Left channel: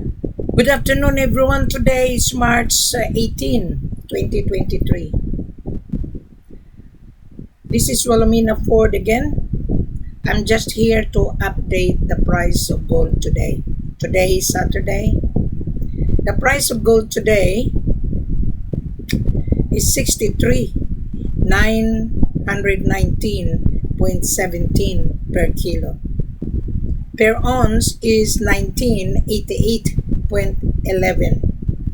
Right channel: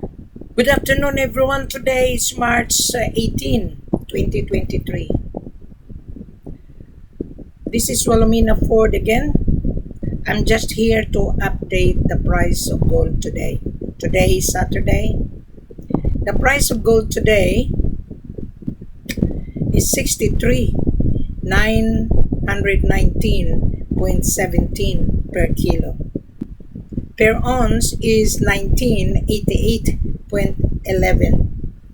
Good afternoon, everyone. Today is March 18, 2023. This is Wilhelmina Ford again. I'm just here to update the price of gold today. Today is Saturday. The price of gold today is 63,919.17 per kilo. Per ounce is 1988.11.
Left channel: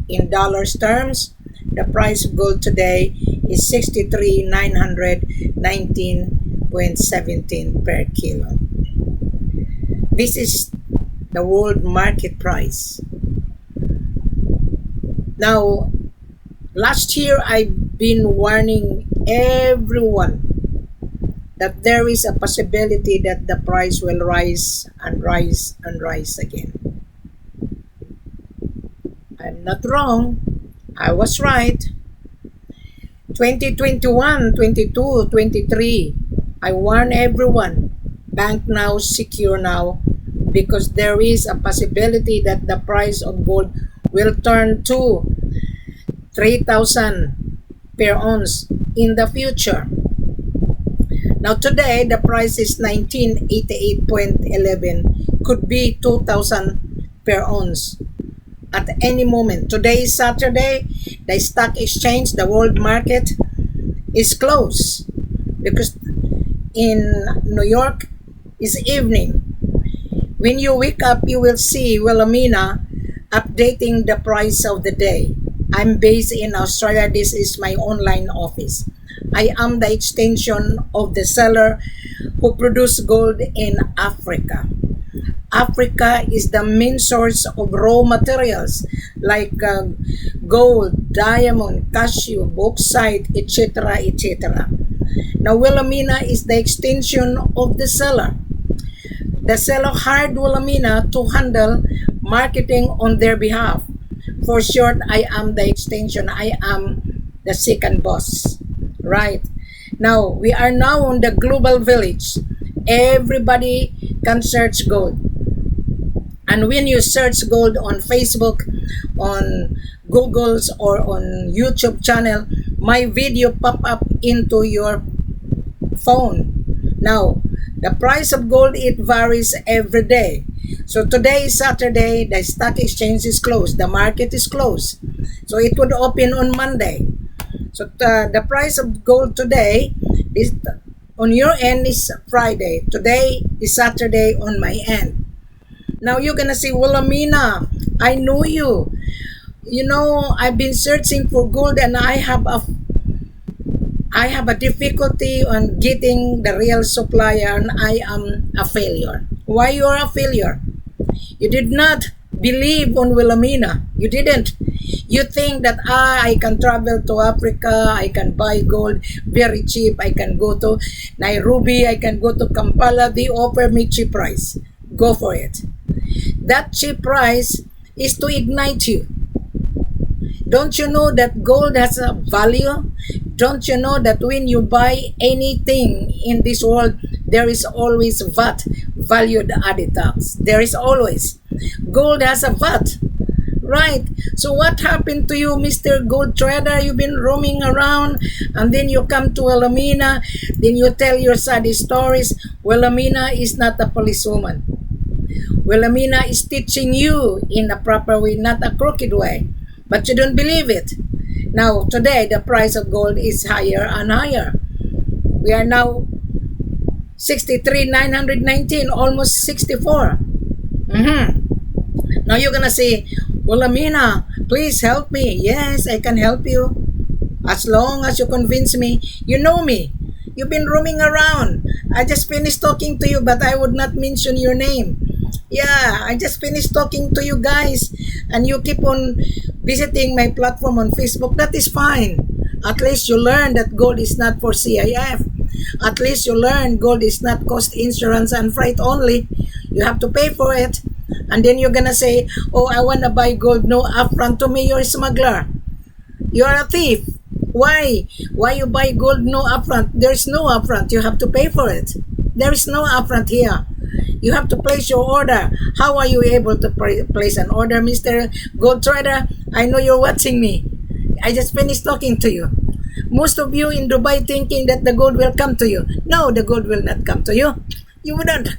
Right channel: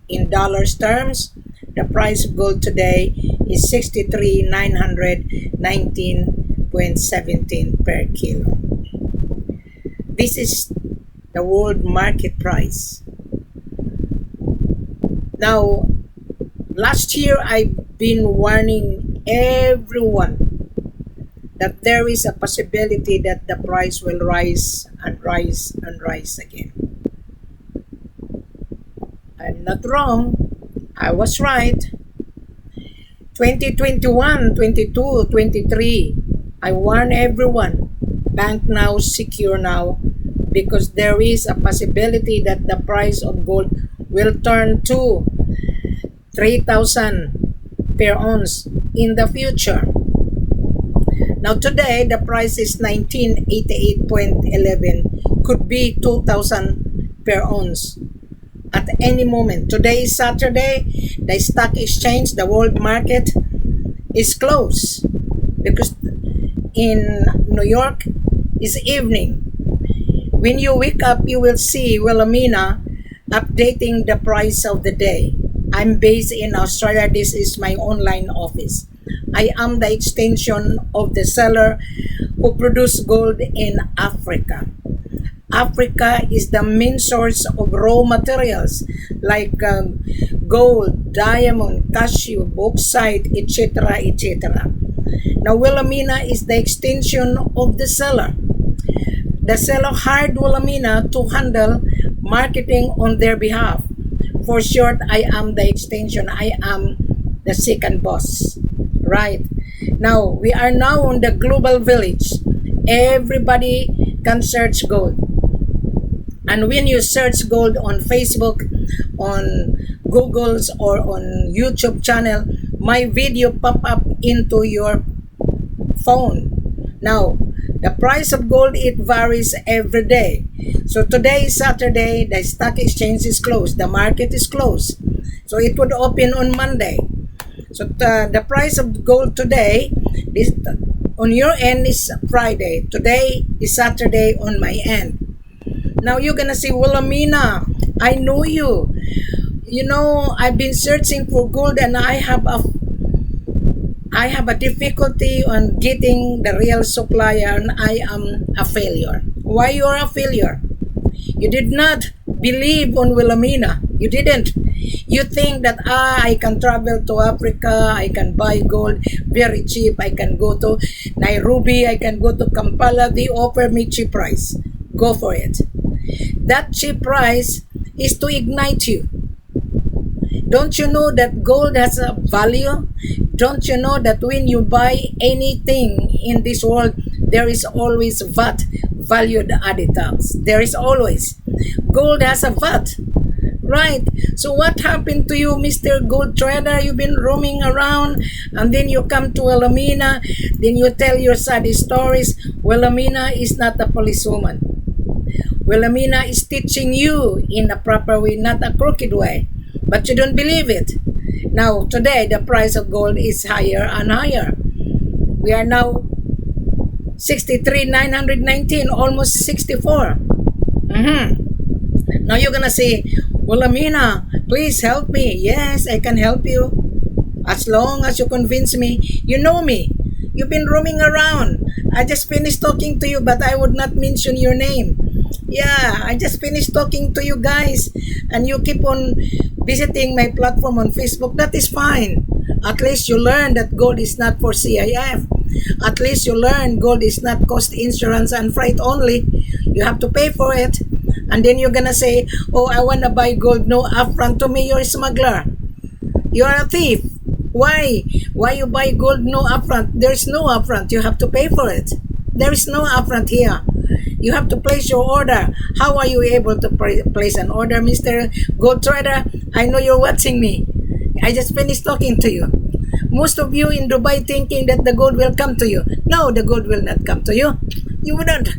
In dollars terms, the price of gold today is 63,919.17 per kilo. This is the world market price. Now, last year I've been warning everyone that there is a possibility that the price will rise and rise and rise again. I'm not wrong. I was right. 2021, 22, 23, I warn everyone, bank now, secure now, because there is a possibility that the price of gold will turn to 3,000 per ounce in the future. Now today, the price is 1988.11, could be 2,000 per ounce at any moment. Today is Saturday, the stock exchange, the world market is closed because in New York is evening. When you wake up, you will see Wilhelmina updating the price of the day. I'm based in Australia. This is my online office. I am the extension of the seller who produce gold in Africa. Africa is the main source of raw materials like gold, diamond, cashew, bauxite, etc., etc. Now, Wilhelmina is the extension of the seller. The seller hired Wilhelmina to handle marketing on their behalf. For short, I am the extension. I am the second boss. Right. Now, we are now on the global village. Everybody can search gold. And when you search gold on Facebook, on Google's or on YouTube channel, my video pop up into your phone. Now, the price of gold, it varies every day. So today is Saturday, the stock exchange is closed, the market is closed. So it would open on Monday. So the price of gold today is on your end is Friday. Today is Saturday on my end. Now you're gonna say, Wilhelmina, I know you. You know, I've been searching for gold and I have a difficulty on getting the real supplier and I am a failure. Why you are a failure? You did not believe on Wilhelmina. You didn't. You think that I can travel to Africa, I can buy gold very cheap, I can go to Nairobi, I can go to Kampala, they offer me cheap price. Go for it. That cheap price is to ignite you. Don't you know that gold has a value? Don't you know that when you buy anything in this world, there is always VAT, valued added tax. There is always. Gold has a VAT. Right. So what happened to you, Mr. Gold Trader? You've been roaming around and then you come to Wilhelmina, then you tell your sad stories. Wilhelmina is not a policewoman. Wilhelmina is teaching you in a proper way, not a crooked way. But you don't believe it. Now, today, the price of gold is higher and higher. We are now 63,919, almost 64. Now you're gonna say, Wilhelmina, please help me. Yes, I can help you. As long as you convince me, you know me. You've been roaming around. I just finished talking to you, but I would not mention your name. Yeah, I just finished talking to you guys, and you keep on visiting my platform on Facebook. That is fine. At least you learn that gold is not for C.I.F. At least you learn gold is not cost insurance and freight only. You have to pay for it. And then you're gonna say, oh, I wanna buy gold, no upfront. To me, you're a smuggler. You're a thief. Why? Why you buy gold, no upfront? There's no upfront. You have to pay for it. There is no upfront here. You have to place your order. How are you able to place an order, Mr. Gold Trader? I know you're watching me. I just finished talking to you. Most of you in Dubai thinking that the gold will come to you. No, the gold will not come to you. You wouldn't.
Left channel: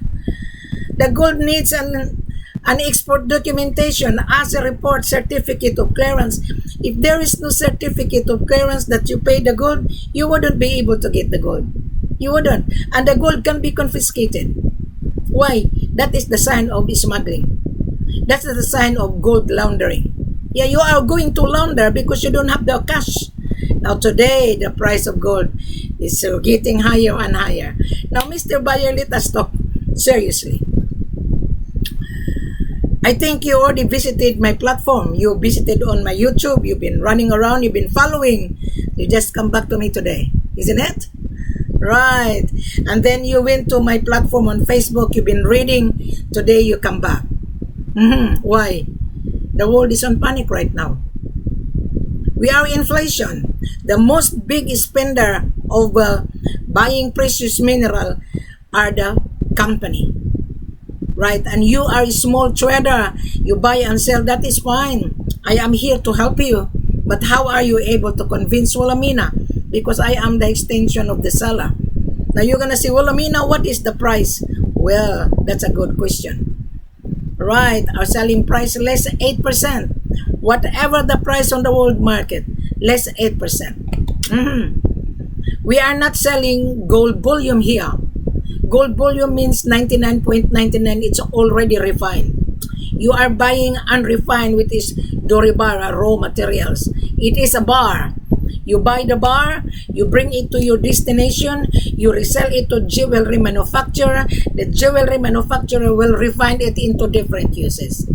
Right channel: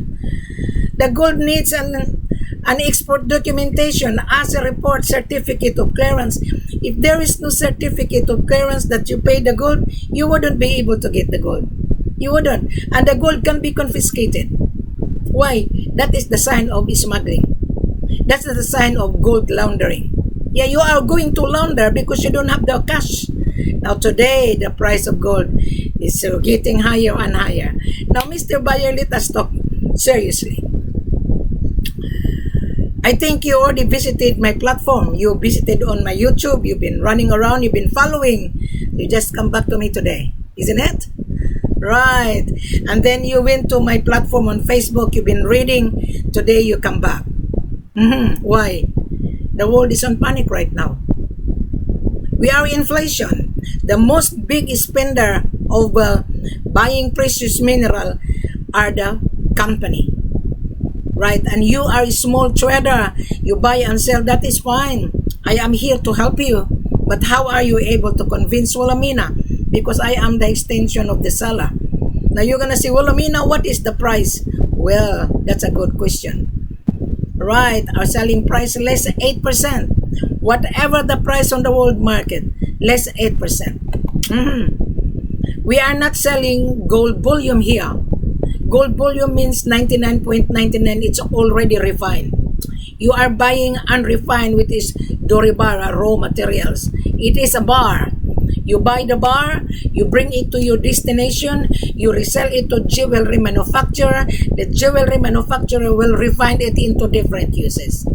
The gold needs an export documentation as a report, certificate of clearance. If there is no certificate of clearance that you pay the gold, you wouldn't be able to get the gold. You wouldn't. And the gold can be confiscated. Why? That is the sign of smuggling. That's the sign of gold laundering. Yeah, you are going to launder because you don't have the cash. Now today, the price of gold is getting higher and higher. Now, Mr. Buyer, let us talk seriously. I think you already visited my platform. You visited on my YouTube. You've been running around. You've been following. You just come back to me today. Isn't it? Right. And then you went to my platform on Facebook. You've been reading. Today you come back. Why? The world is on panic right now. We are inflation. The most big spender of buying precious mineral are the company. Right? And you are a small trader. You buy and sell. That is fine. I am here to help you. But how are you able to convince Wilhelmina? Because I am the extension of the seller. Now you're going to say, Wilhelmina, what is the price? Well, that's a good question. Right, our selling price less 8%. Whatever the price on the world market, less 8%. We are not selling gold bullion here. Gold bullion means 99.99. It's already refined. You are buying unrefined, which is Dore bar, raw materials. It is a bar. You buy the bar, you bring it to your destination, you resell it to jewelry manufacturer. The jewelry manufacturer will refine it into different uses.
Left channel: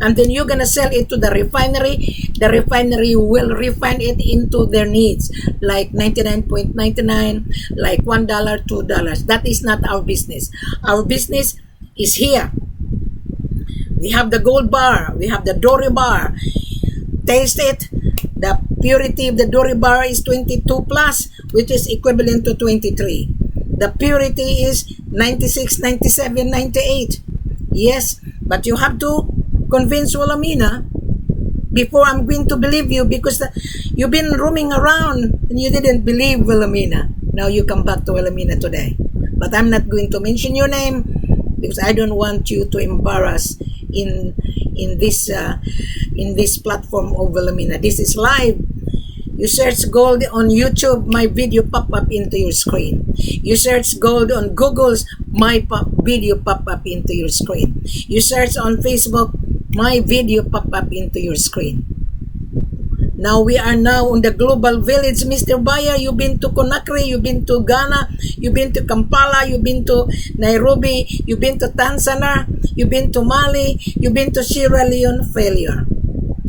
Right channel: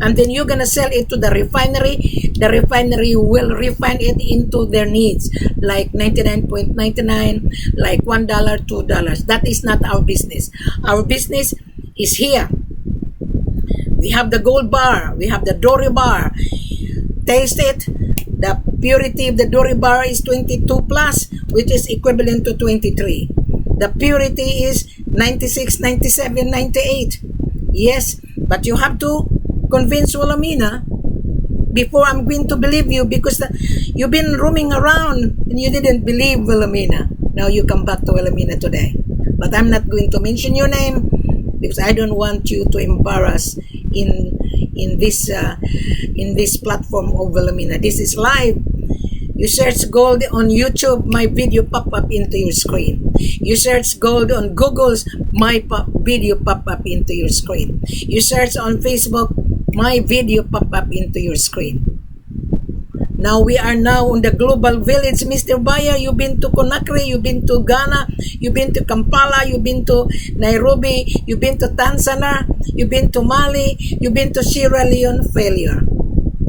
And then you're going to sell it to the refinery. The refinery will refine it into their needs, like 99.99, like $1, $2. That is not our business. Our business is here. We have the gold bar. We have the Dore bar. Taste it. The purity of the Dore bar is 22 plus, which is equivalent to 23. The purity is 96, 97, 98. Yes, but you have to convince Wilhelmina before I'm going to believe you, because you've been roaming around and you didn't believe Wilhelmina. Now you come back to Wilhelmina today. But I'm not going to mention your name because I don't want you to embarrass in this platform of Wilhelmina. This is live. You search gold on YouTube, my video pop up into your screen. You search gold on Google's, my video pop up into your screen. You search on Facebook, my video pop up into your screen. Now we are now on the global village, Mr. Buyer. You've been to Conakry, you've been to Ghana, you've been to Kampala, you've been to Nairobi, you've been to Tanzania, you've been to Mali, you've been to Sierra Leone. Failure.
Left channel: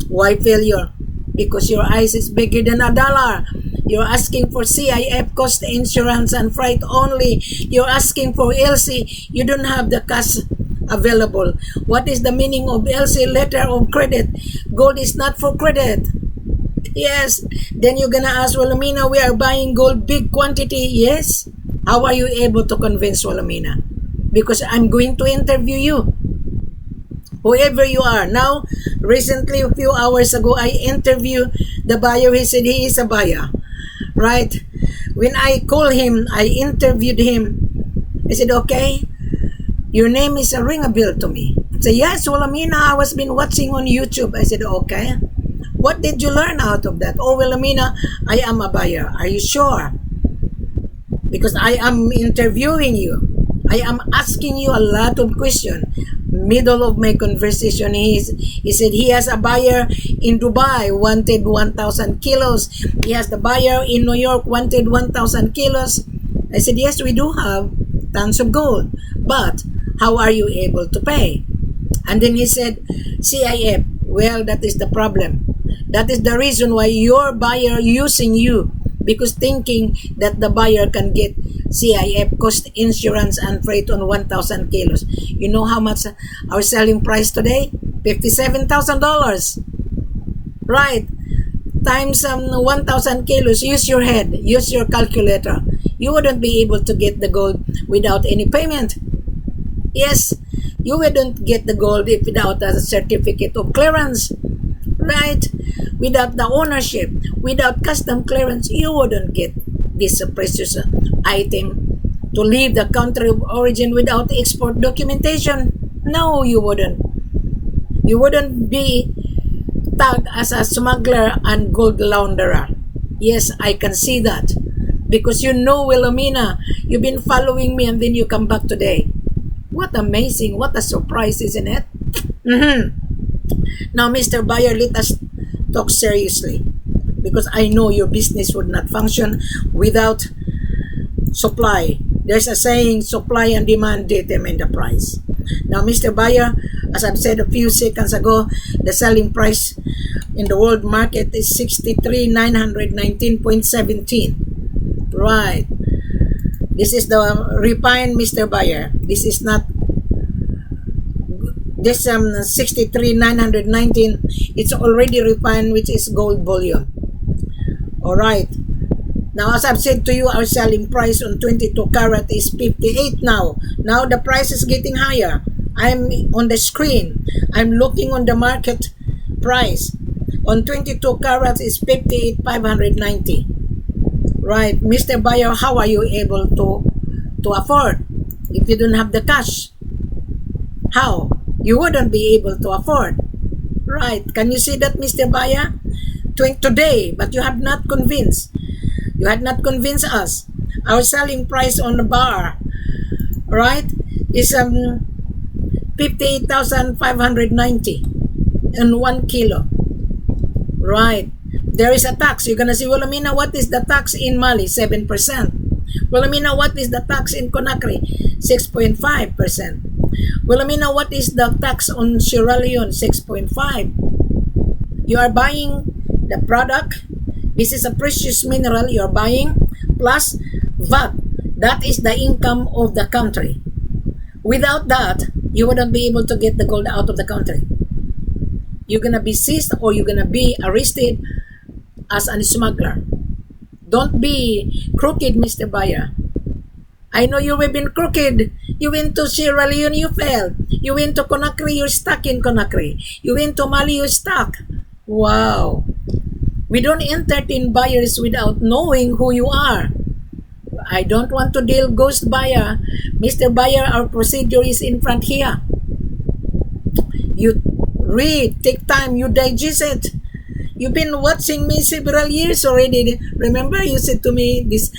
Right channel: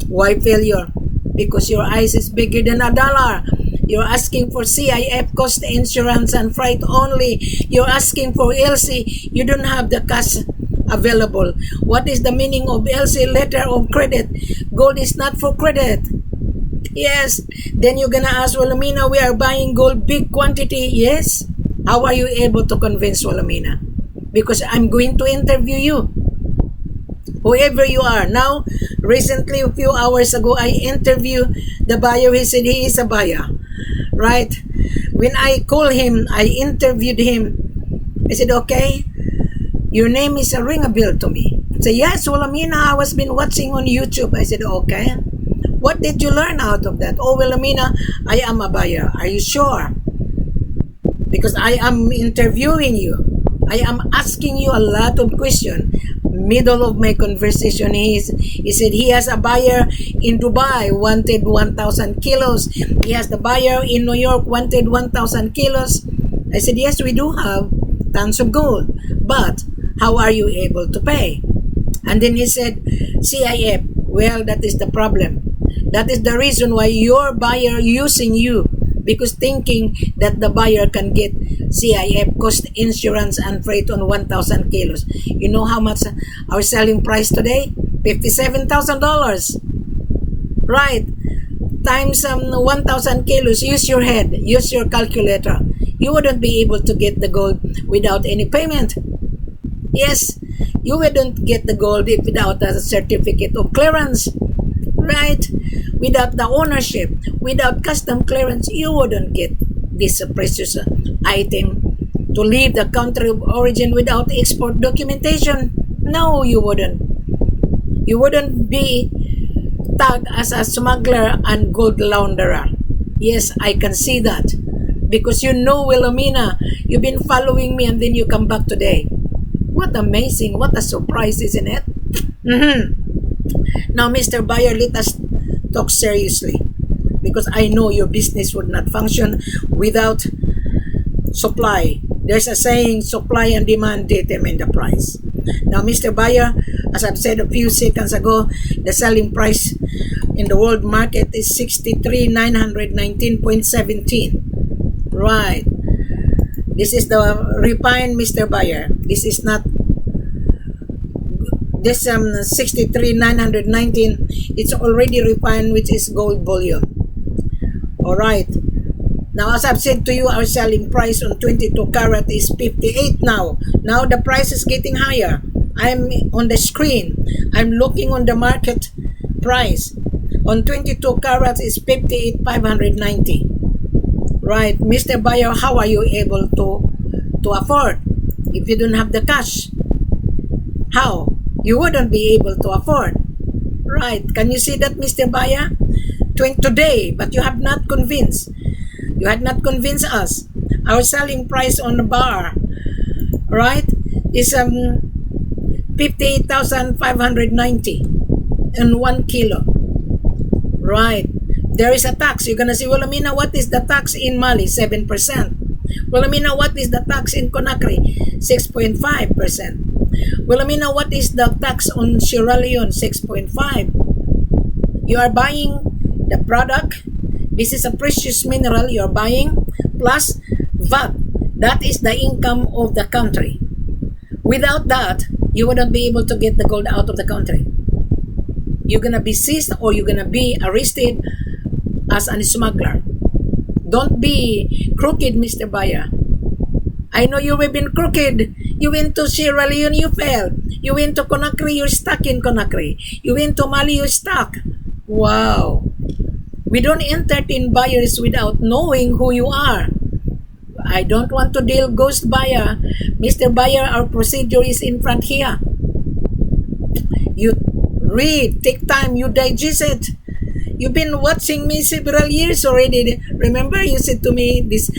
Why failure? Because your eyes is bigger than $1. You're asking for C.I.F, cost insurance and freight only. You're asking for LC. You don't have the cash available. What is the meaning of LC, letter of credit? Gold is not for credit. Yes. Then you're gonna ask, Wilhelmina, we are buying gold big quantity. Yes. How are you able to convince Wilhelmina? Because I'm going to interview you. Whoever you are. Now, recently, a few hours ago, I interviewed the buyer. He said he is a buyer. Right? When I called him, I interviewed him. I said, okay, your name is a ring a bell to me. I said, yes, Wilhelmina, I was been watching on YouTube. I said, okay. What did you learn out of that? Oh, Wilhelmina, I am a buyer. Are you sure? Because I am interviewing you. I am asking you a lot of questions. Middle of my conversation, he said he has a buyer in Dubai, wanted 1,000 kilos. He has the buyer in New York, wanted 1,000 kilos. I said, yes, we do have tons of gold. But how are you able to pay? And then he said, C.I.F. Well, that is the problem. That is the reason why your buyer using you, because thinking that the buyer can get C.I.F, cost insurance and freight on 1,000 kilos. You know how much our selling price today? $57,000. Right. Times 1,000 kilos. Use your head. Use your calculator. You wouldn't be able to get the gold without any payment. Yes, you wouldn't get the gold if without a certificate of clearance, right? Without the ownership, without custom clearance, you wouldn't get this precious item to leave the country of origin without export documentation. No, you wouldn't. You wouldn't be tagged as a smuggler and gold launderer. Yes, I can see that. Because you know, Wilhelmina, you've been following me and then you come back today. What amazing, what a surprise, isn't it? Now, Mr. Buyer, let us talk seriously. Because I know your business would not function without supply. There's a saying, supply and demand determine the price. Now, Mr. Buyer, as I've said a few seconds ago, the selling price in the world market is 63,919.17. Right. This is the refined, Mr. Buyer. This is not this 63,919. It's already refined, which is gold bullion. All right. Now, as I've said to you, our selling price on 22 carat is 58 now. Now the price is getting higher. I'm on the screen. I'm looking on the market price. On 22 carats is 58,590. Right, Mr. Buyer, how are you able to afford if you don't have the cash? How? You wouldn't be able to afford. Right, can you see that, Mr. Buyer? Today, but you have not convinced. You had not convinced us. Our selling price on the bar, right, is 58,590 in 1 kilo. Right. There is a tax. You're gonna say, Wilhelmina, what is the tax in Mali? 7%. Wilhelmina, what is the tax in Conakry? 6.5%. Wilhelmina, what is the tax on Sierra Leone? 6.5. You are buying the product. This is a precious mineral you're buying plus VAT. That is the income of the country. Without that, you wouldn't be able to get the gold out of the country. You're gonna be seized or you're gonna be arrested as a smuggler. Don't be crooked, Mr. Buyer. I know you have been crooked. You went to Sierra Leone, you failed. You went to Conakry, you're stuck in Conakry. You went to Mali, you're stuck. Wow. We don't entertain buyers without knowing who you are. I don't want to deal ghost buyer. Mr. Buyer, our procedure is in front here. You read, take time, you digest it. You've been watching me several years already. Remember, you said to me this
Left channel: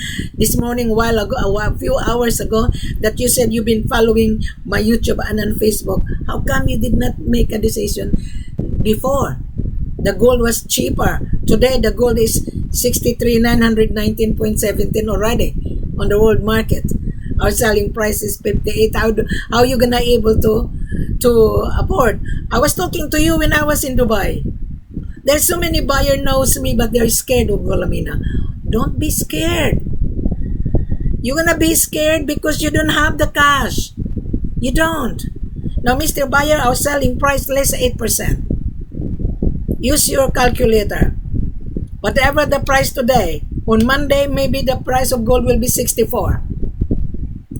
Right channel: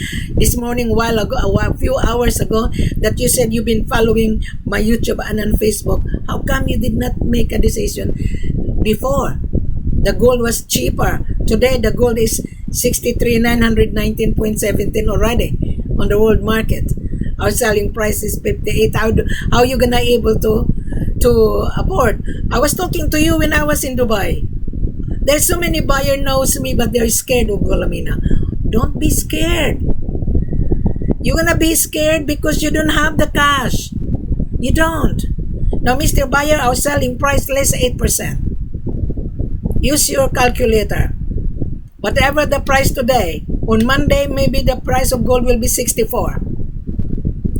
morning, a few hours ago, that you said you've been following my YouTube and on Facebook. How come you did not make a decision before? The gold was cheaper. Today, the gold is 63,919.17 already on the world market. Our selling price is 58. How are you gonna able to afford? I was talking to you when I was in Dubai. There's so many buyer knows me, but they're scared of Wilhelmina. Don't be scared. You're gonna be scared because you don't have the cash. You don't. Now, Mr. Buyer, our selling price less 8%. Use your calculator. Whatever the price today, on Monday, maybe the price of gold will be 64.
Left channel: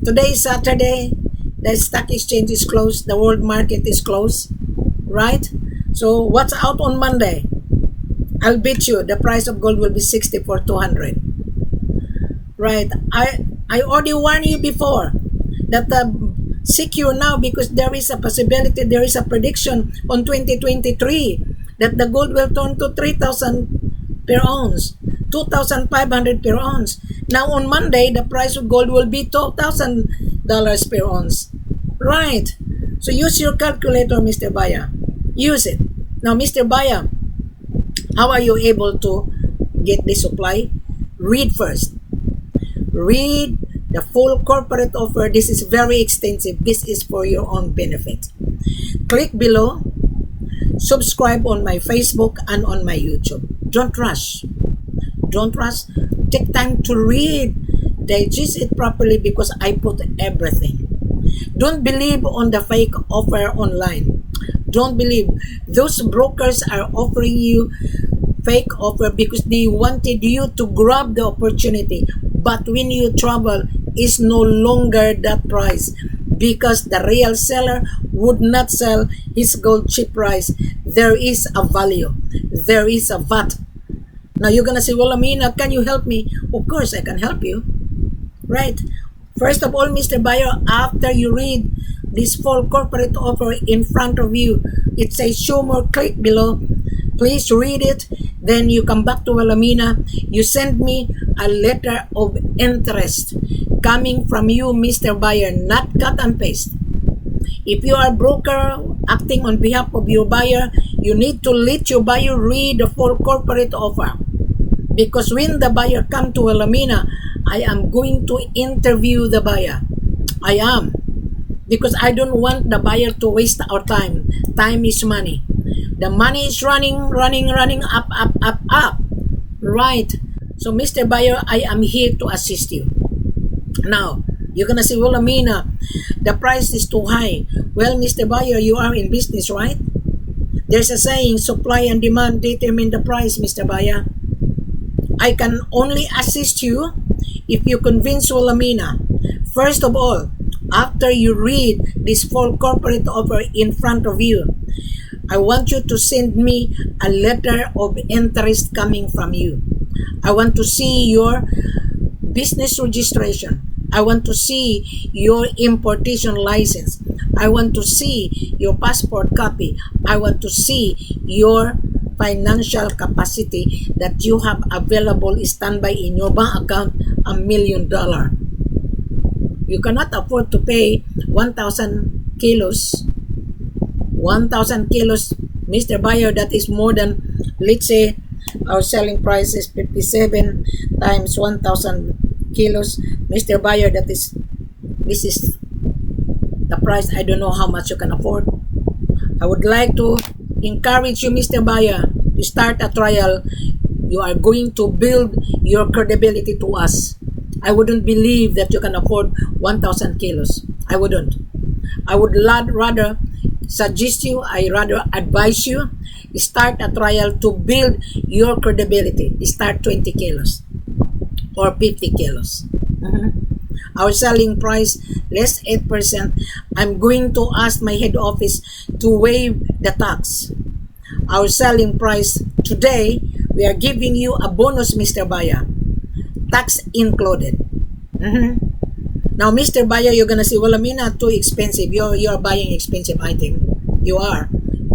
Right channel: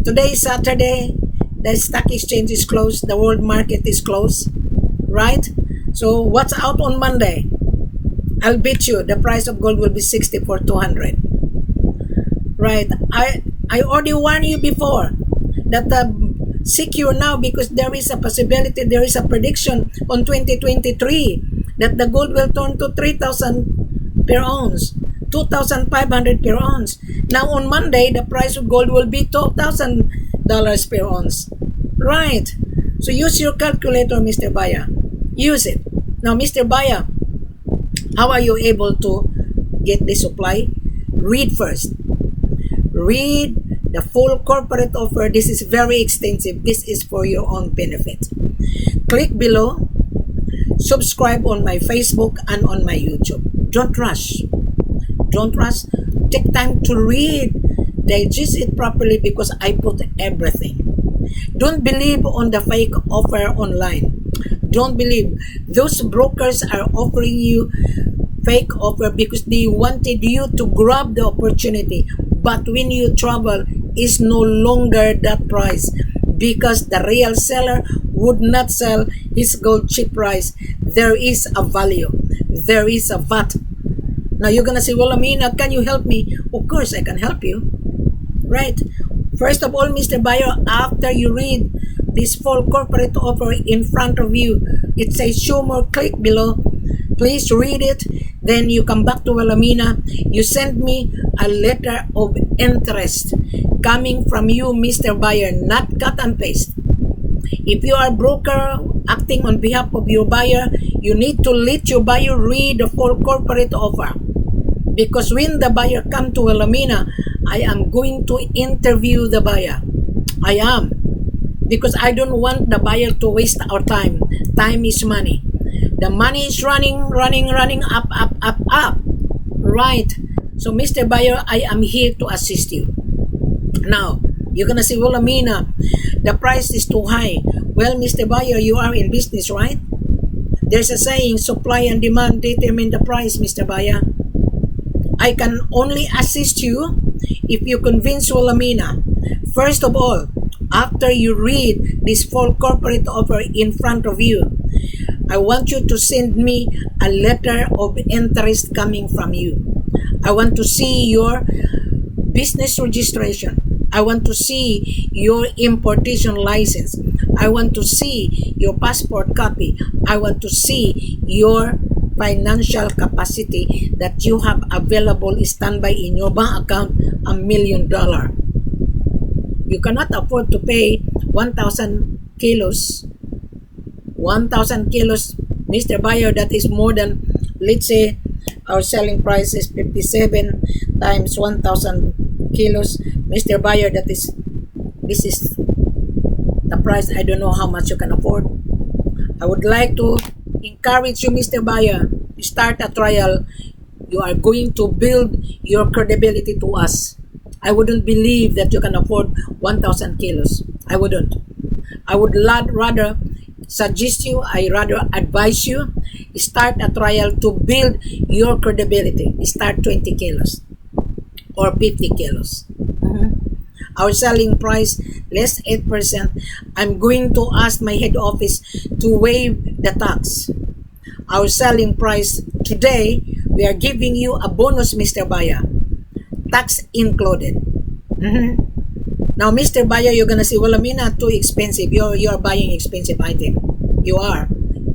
Today is Saturday. The stock exchange is closed. The world market is closed. Right? So, what's out on Monday? I'll bet you the price of gold will be 64,200. Right? I already warned you before that secure now because there is a possibility, there is a prediction on 2023 that the gold will turn to 3,000 per ounce, 2,500 per ounce. Now on Monday, the price of gold will be $12,000 per ounce. Right? So use your calculator, Mr. Buyer. Use it. Now, Mr. Buyer, how are you able to get the supply? Read first. Read the full corporate offer. This is very extensive. This is for your own benefit. Click below. Subscribe on my Facebook and on my YouTube. Don't rush. Don't rush. Take time to read. Digest it properly because I put everything. Don't believe on the fake offer online. Don't believe. Those brokers are offering you fake offer because they wanted you to grab the opportunity. But when you travel, it's no longer that price because the real seller would not sell his gold cheap price. There is a value. There is a VAT. Now you're gonna say, Wilhelmina, can you help me? Of course I can help you. Right? First of all, Mr. Buyer, after you read this full corporate offer in front of you, it says show more, click below. Please read it. Then you come back to Wilhelmina. You send me a letter of interest coming from you, Mr. Buyer, not cut and paste. If you are a broker acting on behalf of your buyer, you need to let your buyer read the full corporate offer. Because when the buyer come to Wilhelmina, I am going to interview the buyer. I am. Because I don't want the buyer to waste our time. Time is money. The money is running up. Right. So Mr. Buyer, I am here to assist you. Now, you're gonna say, Wilhelmina, the price is too high. Well, Mr. Buyer, you are in business, right? There's a saying, supply and demand determine the price, Mr. Buyer. I can only assist you if you convince Wilhelmina. First of all, after you read this full corporate offer in front of you, I want you to send me a letter of interest coming from you. I want to see your business registration. I want to see your importation license. I want to see your passport copy. I want to see your financial capacity that you have available standby in your bank account, $1 million. You cannot afford to pay 1,000 kilos. 1,000 kilos, Mr. Buyer, that is more than, let's say, our selling price is 57 times 1,000 kilos. Mr. Buyer, this is the price. I don't know how much you can afford. I would like to encourage you, Mr. Buyer, to start a trial. You are going to build your credibility to us. I wouldn't believe that you can afford 1,000 kilos. I wouldn't. I would rather suggest you, I rather advise you, start a trial to build your credibility. Start 20 kilos or 50 kilos. Our selling price, less 8%. I'm going to ask my head office to waive the tax. Our selling price today, we are giving you a bonus, Mr. Buyer. Tax included. Now, Mr. Buyer, you're gonna say, Wilhelmina, too expensive. You're buying expensive item. You are.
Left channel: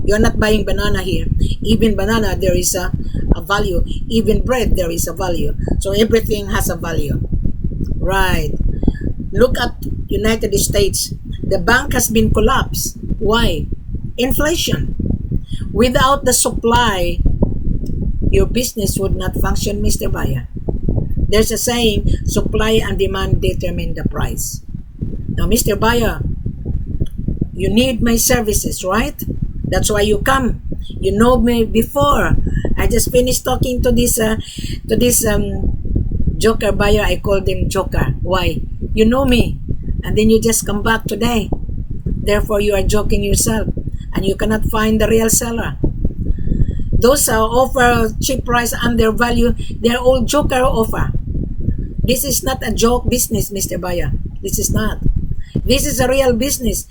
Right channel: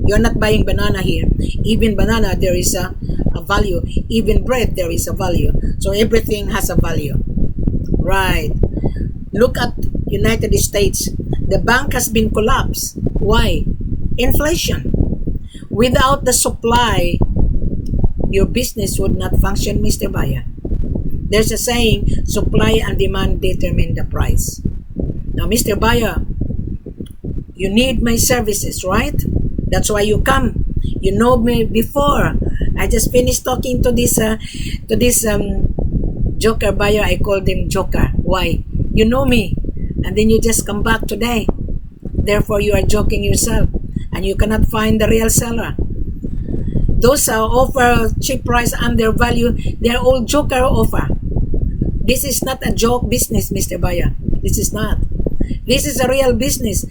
You're not buying banana here. Even banana, there is a value. Even bread, there is a value. So everything has a value. Right. Look at United States. The bank has been collapsed. Why? Inflation. Without the supply, your business would not function, Mr. Buyer. There's a saying, supply and demand determine the price. Now, Mr. Buyer, you need my services, right? That's why you come. You know me before. I just finished talking to this joker buyer. I called him Joker. Why? You know me. And then you just come back today. Therefore, you are joking yourself. And you cannot find the real seller. Those offer cheap price under value, they're all joker offer. This is not a joke business, Mr. Buyer. This is not. This is a real business.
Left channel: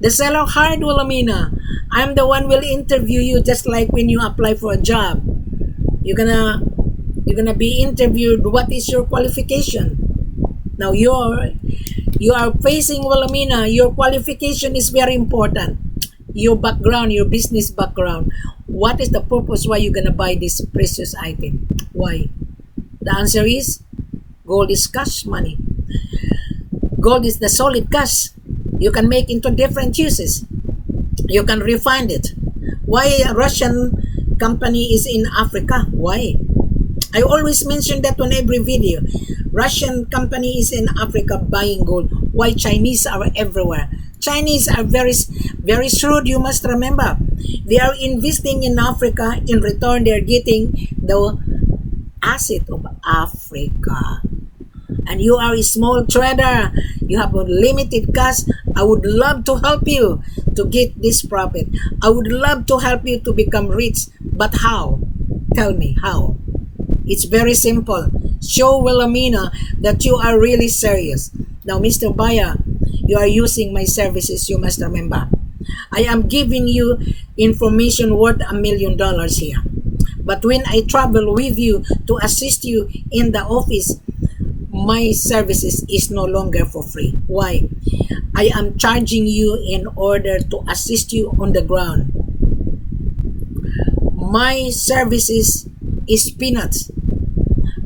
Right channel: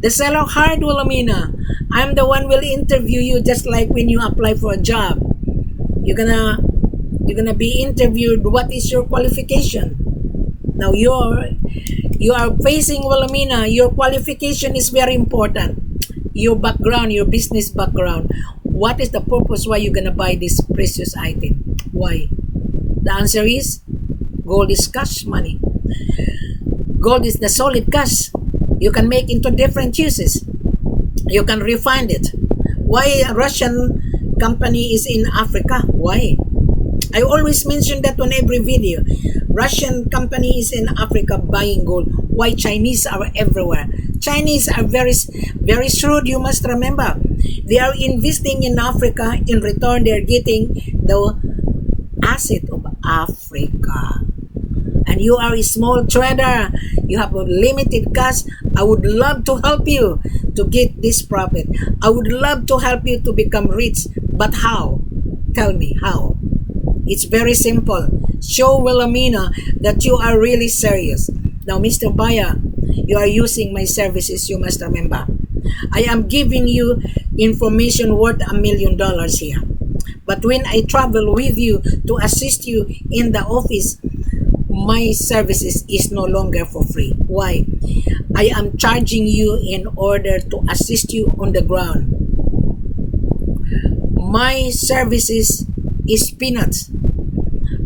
The seller hired Wilhelmina. I'm the one will interview you just like when you apply for a job. You're gonna be interviewed. What is your qualification? Now you are facing Wilhelmina. Your qualification is very important. Your background, your business background. What is the purpose why you're gonna buy this precious item? Why? The answer is gold is cash money. Gold is the solid cash. You can make into different uses. You can refine it. Why a Russian company is in Africa? Why? I always mention that on every video. Russian company is in Africa buying gold. Why Chinese are everywhere? Chinese are very, very shrewd, you must remember. They are investing in Africa. In return, they are getting the asset of Africa. And you are a small trader. You have a limited cash. I would love to help you to get this profit. I would love to help you to become rich. But how? Tell me how. It's very simple. Show Wilhelmina that you are really serious. Now, Mr. Buyer, you are using my services, you must remember. I am giving you information worth $1 million here. But when I travel with you to assist you in the office, my services is no longer for free. Why? I am charging you in order to assist you on the ground. My services is peanuts.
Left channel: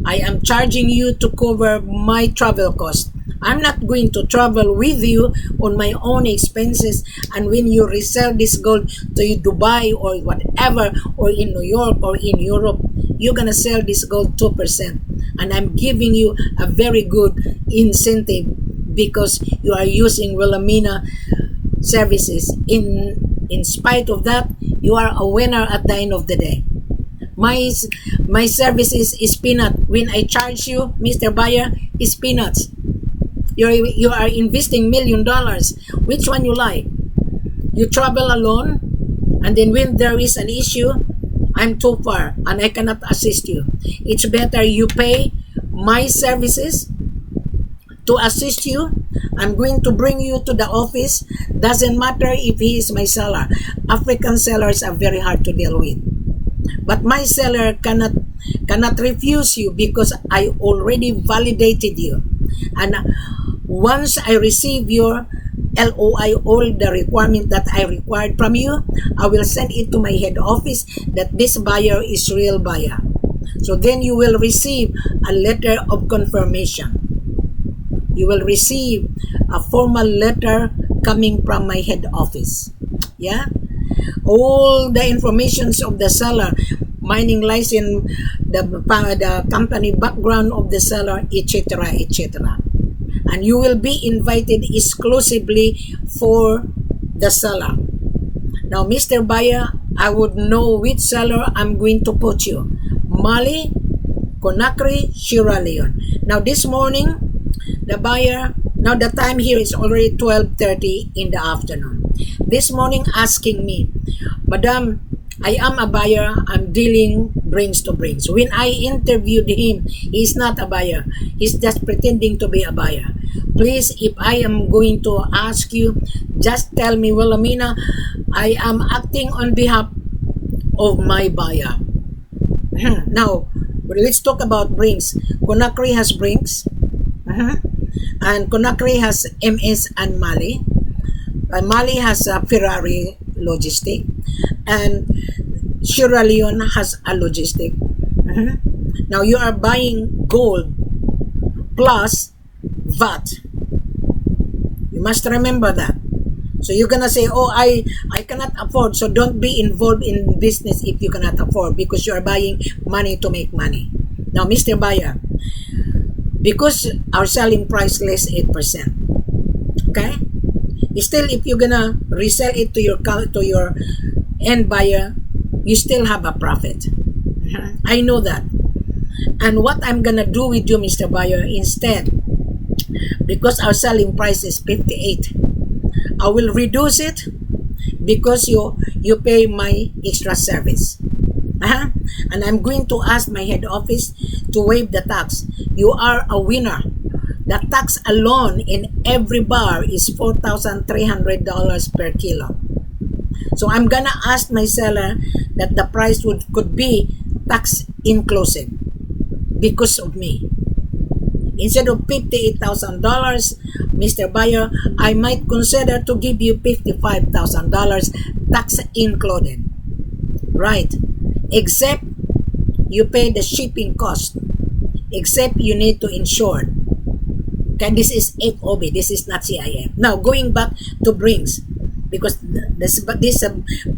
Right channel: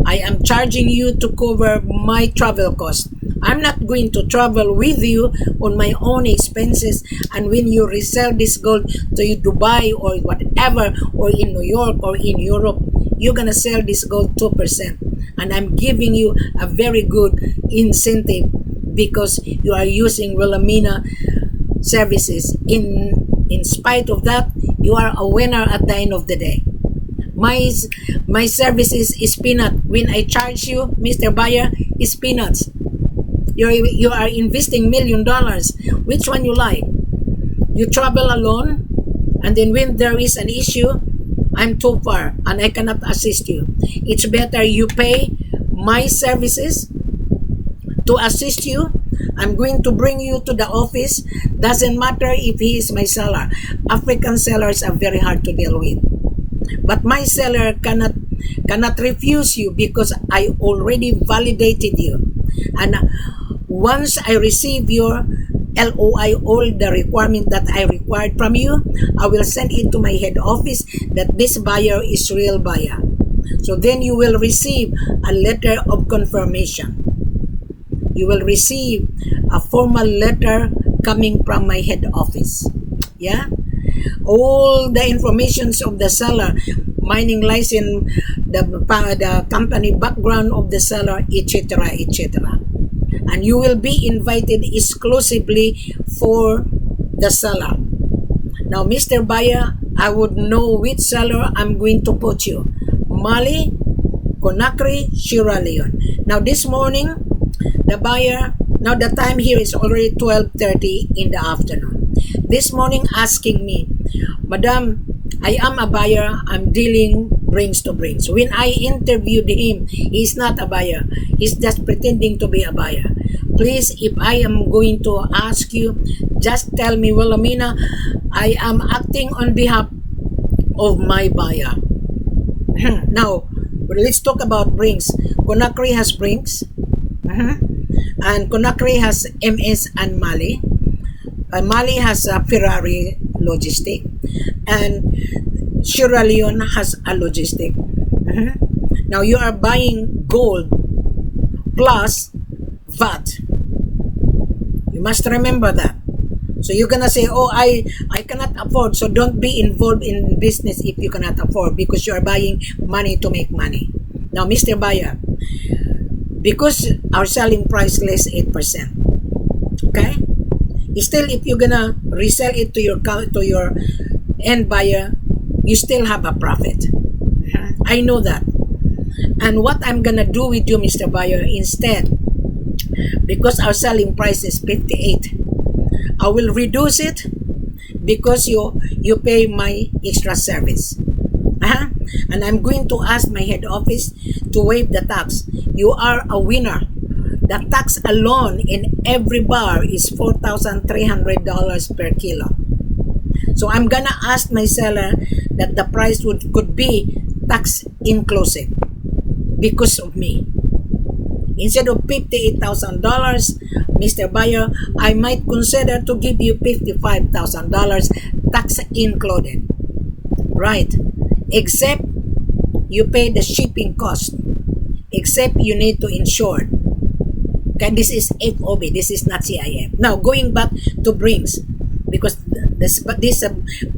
I am charging you to cover my travel cost. I'm not going to travel with you on my own expenses, and when you resell this gold to Dubai or whatever, or in New York or in Europe, you're gonna sell this gold 2%, and I'm giving you a very good incentive because you are using Wilhelmina services. In spite of that, you are a winner at the end of the day. My services is peanut. When I charge you, Mr. Buyer, is peanuts. You are investing $1 million. Which one you like? You travel alone, and then when there is an issue, I'm too far and I cannot assist you. It's better you pay my services to assist you. I'm going to bring you to the office. Doesn't matter if he is my seller. African sellers are very hard to deal with. But my seller cannot refuse you because I already validated you. And once I receive your LOI, all the requirement that I required from you, I will send it to my head office that this buyer is real buyer. So then you will receive a letter of confirmation. You will receive a formal letter coming from my head office. Yeah? All the informations of the seller, mining license, the company background of the seller, etc., etc. And you will be invited exclusively for the seller. Now, Mr. Buyer, I would know which seller I'm going to put you. Mali, Conakry, Sierra Leone. Now, this morning, the buyer, now the time here is already 12:30 in the afternoon. This morning asking me, Madam, I am a buyer, I'm dealing brings to brings. When I interviewed him, he's not a buyer. He's just pretending to be a buyer. Please, if I am going to ask you, just tell me, Wilhelmina, I am acting on behalf of my buyer. Now, let's talk about brings. Conakry has brings. And Conakry has MS and Mali. Mali has a Ferrari logistic, and Sierra Leone has a logistic. Now you are buying gold plus VAT. You must remember that. So you're gonna say, oh, I cannot afford, so don't be involved in business if you cannot afford, because you are buying money to make money. Now, Mr. Buyer, because our selling price less 8%, okay? Still, if you're gonna resell it to your end buyer, you still have a profit. I know that. And what I'm gonna do with you, Mr. Buyer, instead, because our selling price is 58, I will reduce it because you pay my extra service. And I'm going to ask my head office to waive the tax. You are a winner. The tax alone in every bar is $4,300 per kilo. So I'm gonna ask my seller that the price could be tax inclusive because of me. Instead of $58,000, Mr. Buyer, I might consider to give you $55,000 tax included. Right? Except you pay the shipping cost. Except you need to insure. Okay, this is F.O.B. This is not C.I.F. Now, going back to brings, because this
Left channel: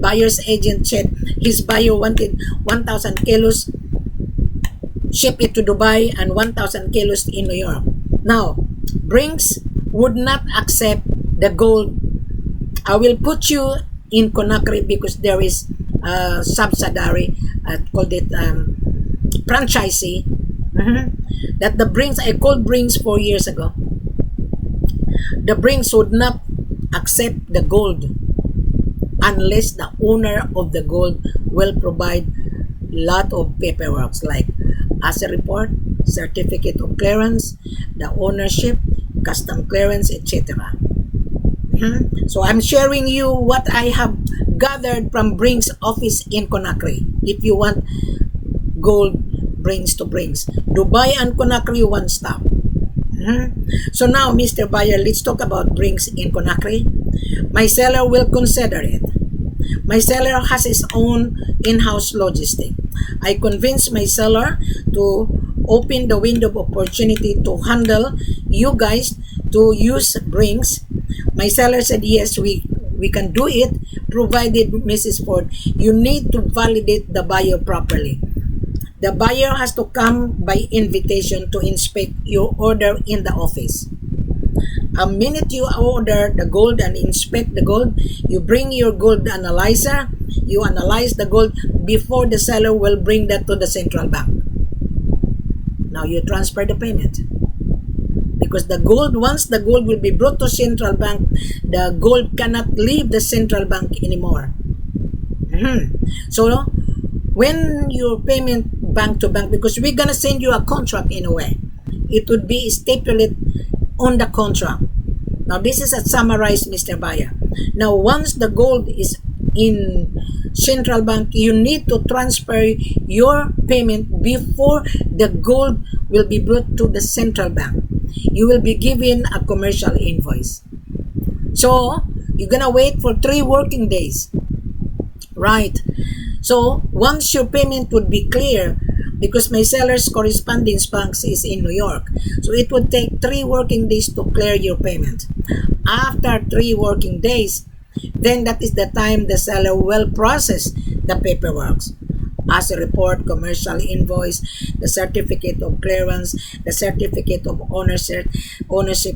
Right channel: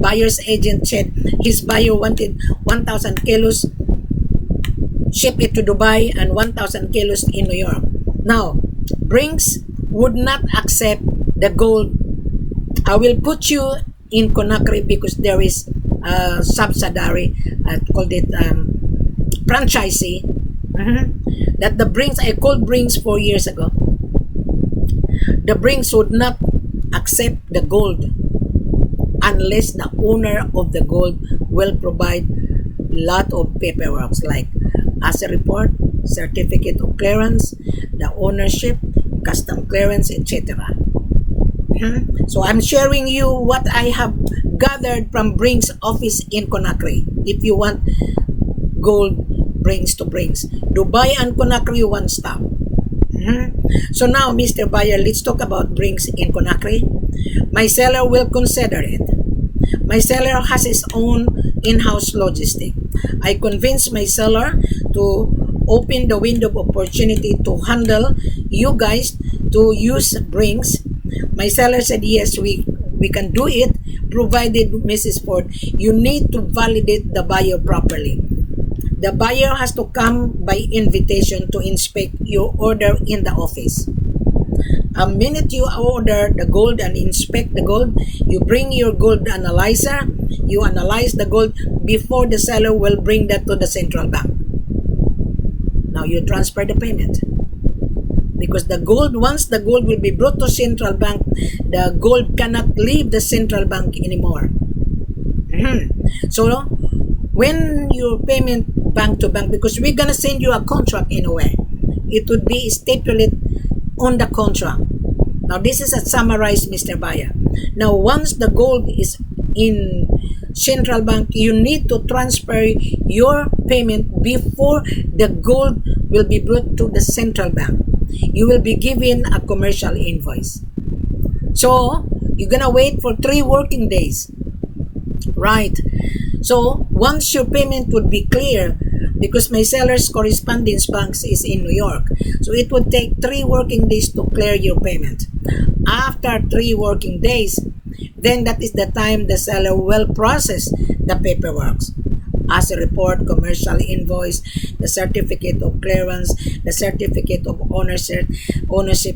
buyer's agent said his buyer wanted 1,000 kilos, ship it to Dubai, and 1,000 kilos in New York. Now, brings would not accept the gold. I will put you in Conakry because there is a subsidiary, called it franchisee, that the brings, I called brings 4 years ago. The brings would not accept the gold unless the owner of the gold will provide lot of paperwork like asset report, certificate of clearance, the ownership, custom clearance, etc. So I'm sharing you what I have gathered from Brink's office in Conakry. If you want gold, Brink's to Brink's. Dubai and Conakry, one stop. So now, Mr. Buyer, let's talk about Brink's in Conakry. My seller will consider it. My seller has his own in-house logistic. I convinced my seller to open the window of opportunity to handle you guys to use Brink's. My seller said, yes, we can do it, provided, Mrs. Ford, you need to validate the buyer properly. The buyer has to come by invitation to inspect your order in the office. A minute you order the gold and inspect the gold, you bring your gold analyzer, you analyze the gold before the seller will bring that to the central bank. Now you transfer the payment. Because the gold, once the gold will be brought to central bank, the gold cannot leave the central bank anymore. So when your payment bank to bank, because we're gonna send you a contract in a way, it would be stipulated on the contract. Now this is a summarized, Mr. Buyer. Now once the gold is in central bank, you need to transfer your payment before the gold will be brought to the central bank. You will be given a commercial invoice. So you're gonna wait for 3 working days, right? So once your payment would be clear, because my seller's correspondence banks is in New York, so it would take 3 working days to clear your payment. After 3 working days, then that is the time the seller will process the paperwork. As a report, commercial invoice, the certificate of clearance, the certificate of ownership,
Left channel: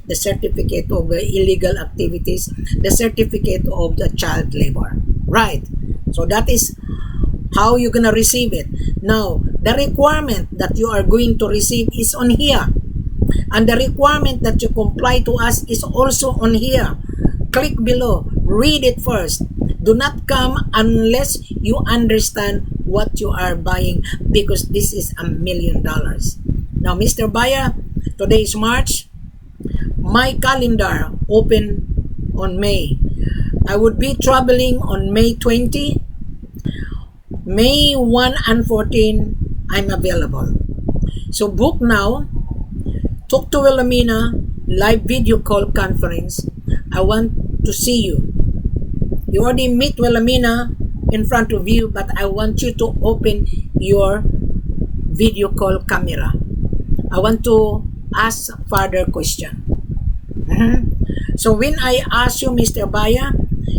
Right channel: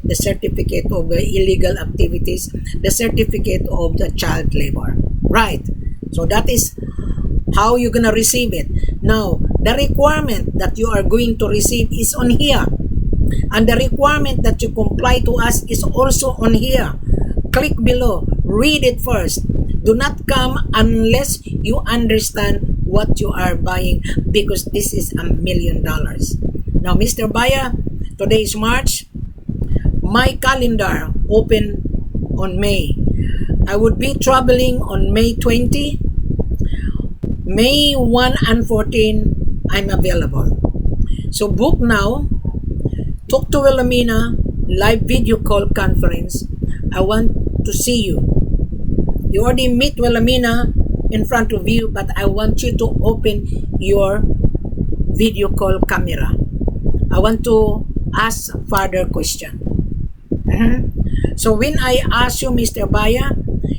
the certificate of illegal activities, the certificate of the child labor. Right. So that is how you're going to receive it. Now, the requirement that you are going to receive is on here. And the requirement that you comply to us is also on here. Click below. Read it first. Do not come unless you understand what you are buying, because this is $1 million. Now, Mr. Buyer, today is March. My calendar open on May. I would be traveling on May 20. May 1 and 14, I'm available. So book now. Talk to Wilhelmina, live video call conference. I want to see you. You already meet Wilhelmina in front of you, but I want you to open your video call camera. I want to ask further question. So when I ask you, Mr. Buyer,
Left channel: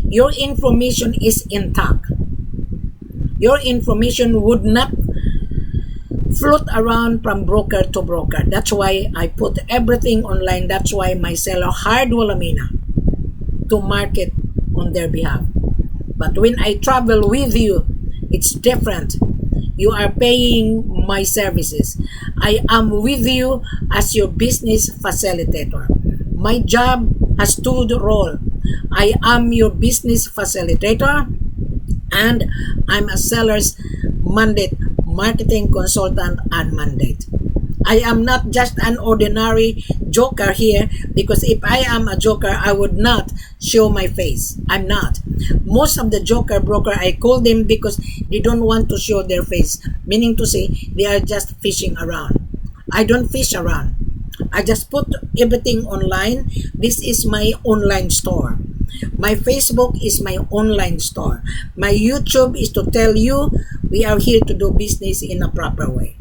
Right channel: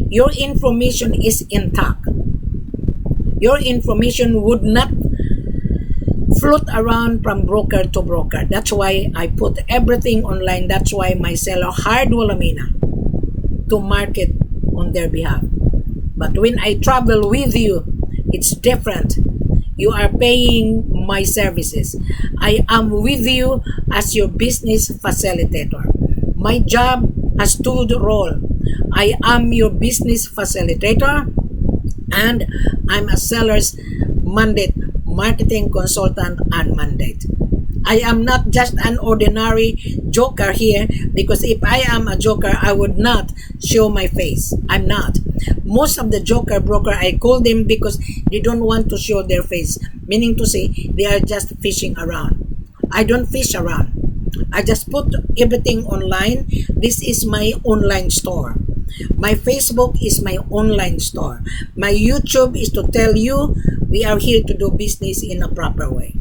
your information is intact. Your information would not float around from broker to broker. That's why I put everything online. That's why my seller hired Wilhelmina to market on their behalf. But when I travel with you, it's different. You are paying my services. I am with you as your business facilitator. My job has 2 roles. I am your business facilitator, and I'm a seller's mandate, marketing consultant and mandate. I am not just an ordinary joker here, because if I am a joker, I would not show my face. I'm not. Most of the joker broker, I call them because they don't want to show their face, meaning to say they are just fishing around. I don't fish around. I just put everything online. This is my online store. My Facebook is my online store. My YouTube is to tell you we are here to do business in a proper way.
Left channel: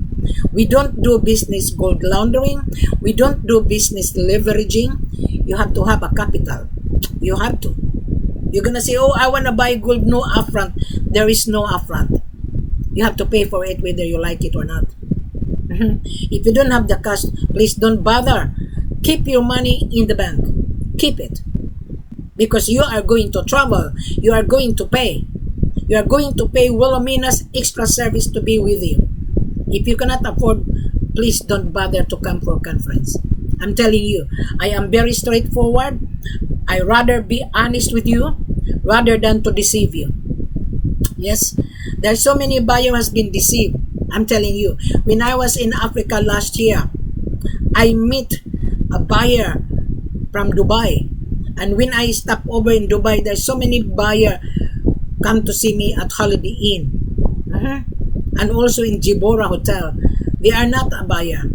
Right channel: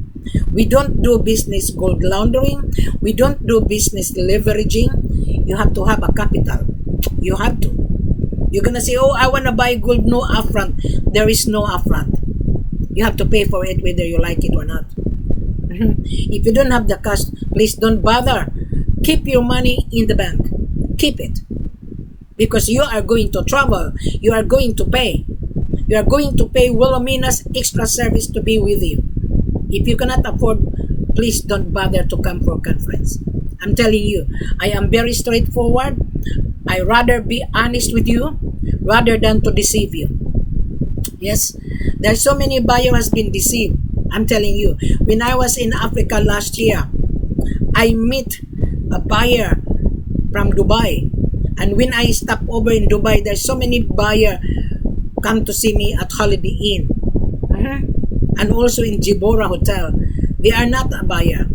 We don't do business gold laundering. We don't do business leveraging. You have to have a capital. You have to. You're going to say, oh, I want to buy gold, no upfront. There is no upfront. You have to pay for it whether you like it or not. If you don't have the cash, please don't bother. Keep your money in the bank. Keep it. Because you are going to travel. You are going to pay. You are going to pay Wilhelmina's extra service to be with you. If you cannot afford, please don't bother to come for conference. I'm telling you, I am very straightforward. I rather be honest with you rather than to deceive you. Yes, there's so many buyers has been deceived. I'm telling you, when I was in Africa last year, I met a buyer from Dubai. And when I stop over in Dubai, there's so many buyer come to see me at Holiday Inn. And also in Jibora Hotel. They are not a buyer.